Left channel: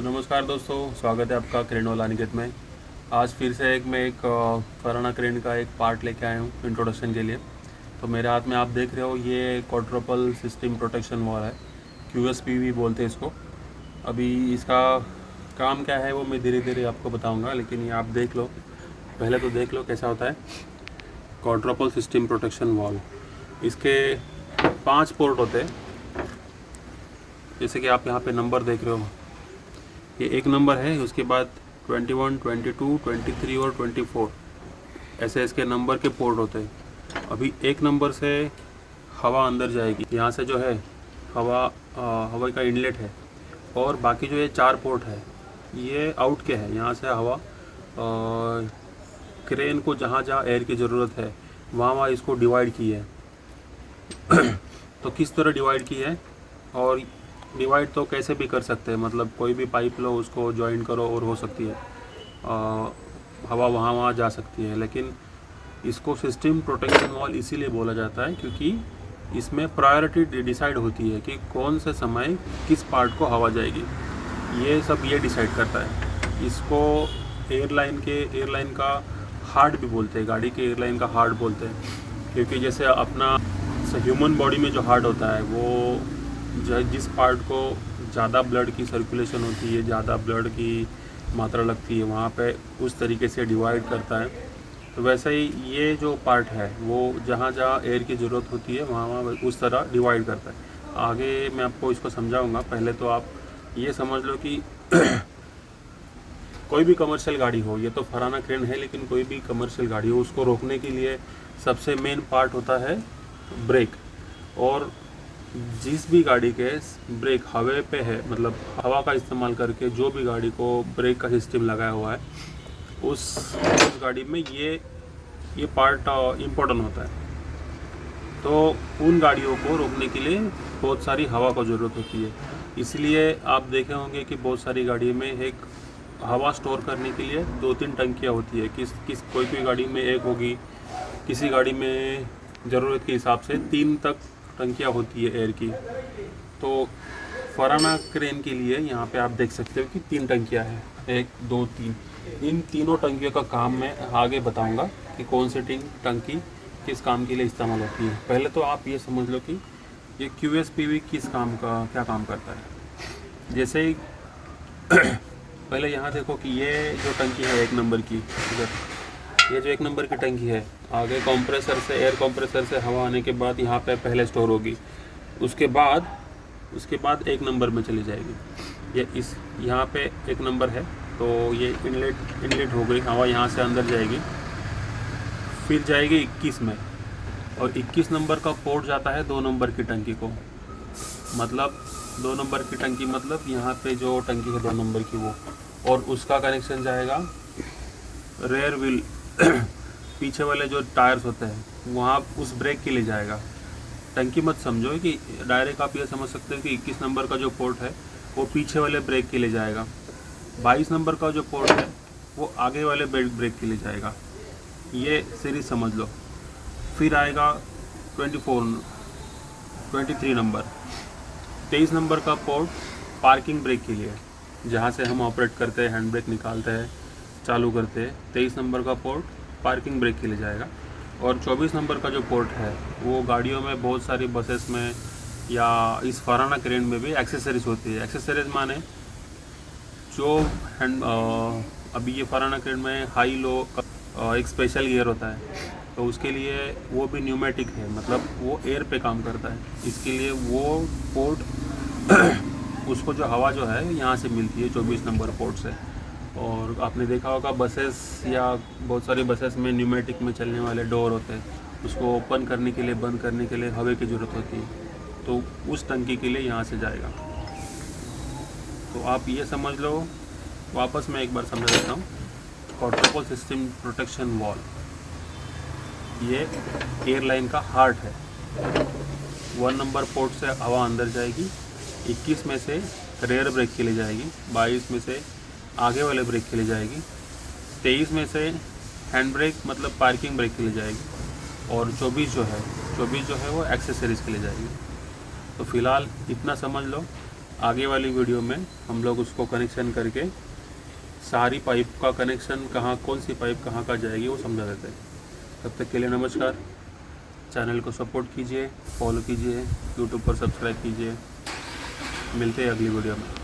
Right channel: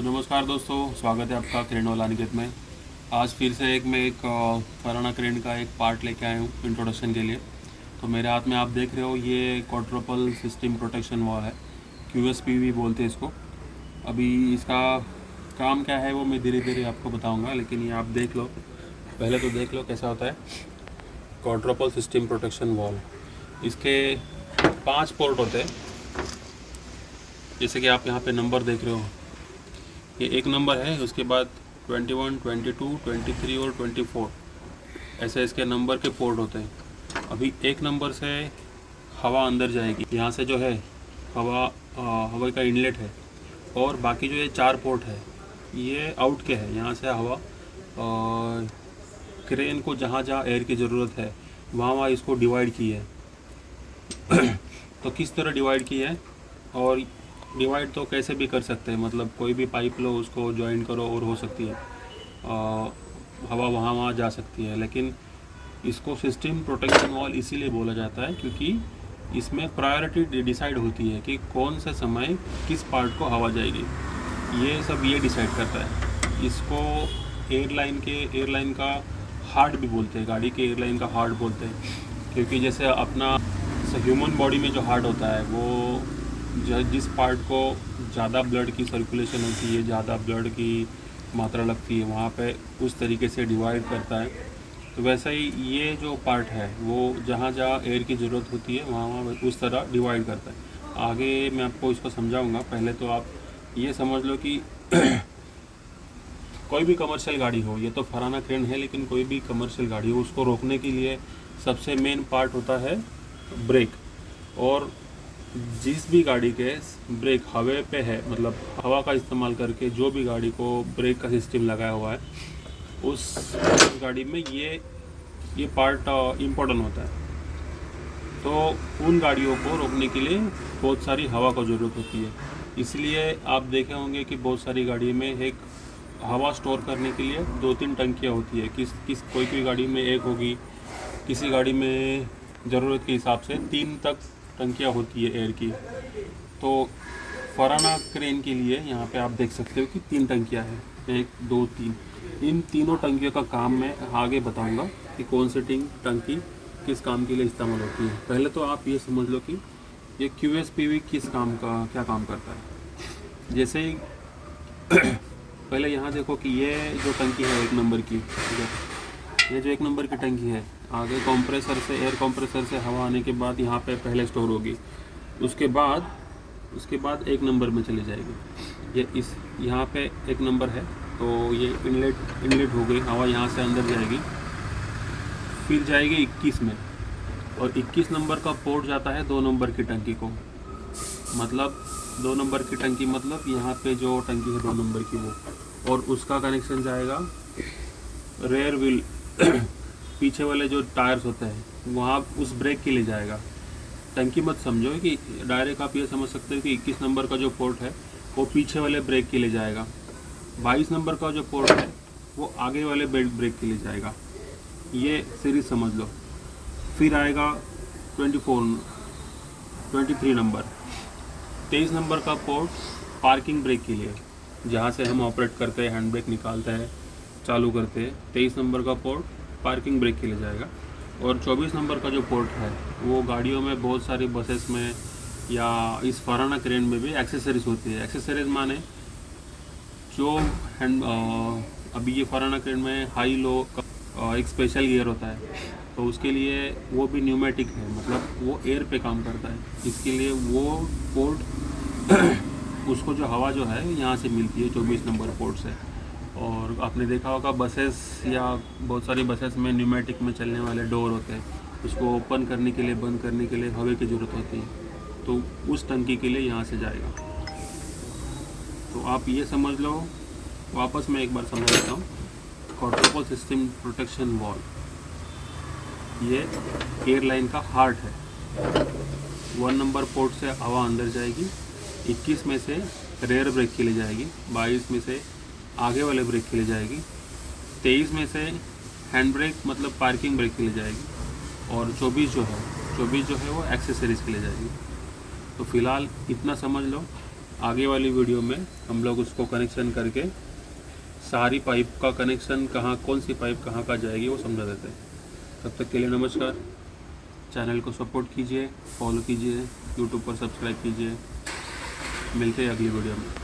तो नमस्कार दोस्तों, स्वागत है आपका क्रेन वाला अनिकेत में। आज फिर से मैं एक फराना क्रेन का एक पार्ट लेके आया हूँ इंट्रोडक्शन के लिए। तो मेरे हाथ में आप देख रहे हो ये क्वाड्रुपल सिस्टम प्रोटेक्शन वॉल है, QSPV बोलते हैं इसको। अभी इसका काम क्या है वो मैं धीरे धीरे आपको बताऊँगा, लेकिन ये आप देख लो, पहले तो देख लो कैसा होता है क्वाड्रुपल सिस्टम प्रोटेक्शन वॉल। इसके 5 पोर्ट होते हैं, जैसे कि आप यहाँ पे नंबर देख रहे हो। ये एक नंबर है, उसके बाद 21, 22, 23 और 24 ऐसे इसके नंबर के पोर्ट होते हैं। अभी एक नंबर से हवा अंदर जाएगी, यहाँ से जो है हवा का इनलेट है, और बाकी जो ये 4 पोर्ट है ये आउट के है। यहाँ से हवा क्रेन को जहाँ जहाँ एयर की ज़रूरत है वहाँ इसको डिवाइड की है। तो किस तरह डिवाइड की है, और डिवाइड तो कैसे भी कर सकते हैं, मतलब कोई भी पाइप लो, उसको ज्वाइन करो और हो सकती है हवा वहाँ जा सकती है। लेकिन इसको सिस्टम प्रोटेक्शन वॉल इसीलिए बोला जाता है क्योंकि इसमें प्रायोरिटी डिसाइड होती है कि कौन से समय किस पार्ट को हवा जाएगी। ये सब ये डिसाइड करता है। इसको एयरलाइन का हार्ट भी बोलते हैं, गाड़ी के एयरलाइन का हार्ट बोलते हैं, क्योंकि जैसे अपना ह्यूमन बॉडी में जो हार्ट होता है वो जिस पार्ट को ज़्यादा ब्लड की सर्कुलेशन होती है, ज़्यादा ब्लड की मात्रा लगती है, वहाँ पे उस तरीके से डिवाइड करता है। तो वैसे ही ये जो पार्ट है वो जहाँ जहाँ एयर की ज़रूरत होती है वहाँ उस तरह डिवाइड करता है। आगे मैं आपको इसको समझाऊंगा। पहले तो आप ये समझ लो कि कोई भी कमर्शियल गाड़ी हो, ये तो फराना क्रेन है लेकिन कोई भी कमर्शियल गाड़ी हो, उसको रोकने के लिए सबसे मेन पार्ट होता है ब्रेक। और जिस भी गाड़ी के ब्रेक हवा पे है, मतलब हवा का इस्तेमाल करके जो भी गाड़ी को ब्रेक का सिस्टम लगाया हुआ है, उस गाड़ी में ये पार्ट इम्पोर्टेंट होता है। तो उन गाड़ियों को रोकने के लिए बहुत सारी हवा की ज़रूरत होती है। इसलिए आप देखे होंगे कि बहुत सारी गाड़ी में एक हवा स्टोर करने के लिए 2-3 टंकियाँ होती है। कोई गाड़ी में एक होगी, किसी गाड़ी में ज़रूरत के हिसाब से 3 तक टंकियाँ होती है एयर की। तो फराना क्रेन के लिए यहाँ पे आप देख सकते हो कि 3 टंकियाँ हैं, 1, 2, 3। इन तीनों टंकियों का काम मैं आगे बताऊंगा कि कौन सी टंकी किस काम के लिए इस्तेमाल होती है। पहले तो आप ये समझ लो कि ये QSPV क्या काम करता है। जैसे ही पहले यहाँ देखो कि ये जो टंकी है 1 नंबर की, ठीक है, ये जो 1 नंबर की टंकी है, आगे एयर कंप्रेसर से हवा आने के बाद यहाँ पे पहले स्टोर होगी, उसके बाद 1 नंबर में चली जाएगी। यहाँ पे 1 नंबर है, तो ये इनलेट हो गई, हवा यहाँ से अंदर जाएगी, फिर जाएगी 21 में, और 21 नंबर का पोर्ट जाता है 2 नंबर की टंकी को। मतलब 2 नंबर की टंकी मतलब यहाँ पे जो टंकी है 2 नंबर की वो, और उसका कनेक्शन जाएगा रेयर व्हील पीछे वाले जो टायर्स होते हैं वहाँ उस ब्रेक के लिए जाएगा। टंकी मत समझो कि डायरेक्ट आप ये समझ सकते हो कि 21 नंबर का जो पोर्ट है वो पीछे वाले ब्रेक के लिए जाएगा, 22 नंबर का जो पोर्ट है वो आगे वाले ब्रेक के लिए जाएगा। ये सीरीज समझ लो। फिर आएगा 23 नंबर, 23 नंबर का पोर्ट पार्किंग ब्रेक के लिए, जहाँ से हम ऑपरेट करते हैं, हैंड ब्रेक निकालते हैं, चालू करते हैं। 23 नंबर का पोर्ट पार्किंग ब्रेक के लिए जाएगा। और 24 नंबर का जो पोर्ट है वो गाड़ियों में, बहुत सारी बसेस में या इस फराना क्रेन में भी एक्सेसरीज होती है। एक्सेसरीज माने जो अभी ये फराना क्रेन में हाई लो एक स्पेशल गियर होता है, तो उसके लिए वो भी न्यूमेटिक है, मतलब वो एयर पे काम करता है। इसके लिए वो पोर्ट उसको जो हवा जो है यहाँ से मिलती है 24 नंबर पोर्ट से। और आपने देखा होगा बसेस या बहुत सारी बसेस में न्यूमेटिक में चलने वाले डोर होते हैं, उसको ओपन करने के लिए, बंद करने के लिए हवा की ज़रूरत होती है, तो उस टंकी के लिए यहाँ से जाएगा। तो आप ये समझ लो, वापस मैं एक बार समझा देता हूँ। क्वाड्रुपल सिस्टम प्रोटेक्शन वॉल ये एयरलाइन का हार्ट है। 1 नंबर पोर्ट से हवा अंदर जाएगी, 21 में से रेयर ब्रेक के लिए जाएगी, 22 में से आगे वाले ब्रेक के लिए जाएगी, 23 में से हैंड ब्रेक मतलब पार्किंग ब्रेक के लिए जाएगी, और 24 जो है वो एक्सेसरीज़ के लिए जाएगी। तो फ़िलहाल इतना समझ लो आगे वाली वीडियो में हम लोग उसको कनेक्शन करके सारी पाइप का कनेक्शन कहाँ, कौन सी पाइप कहाँ का जाएगी वो समझा देते हैं। तब तक के लिए नमस्कार। चैनल को सपोर्ट कीजिए, फॉलो कीजिए, यूट्यूब पर सब्सक्राइब कीजिए। मिलते हैं अगली वीडियो में।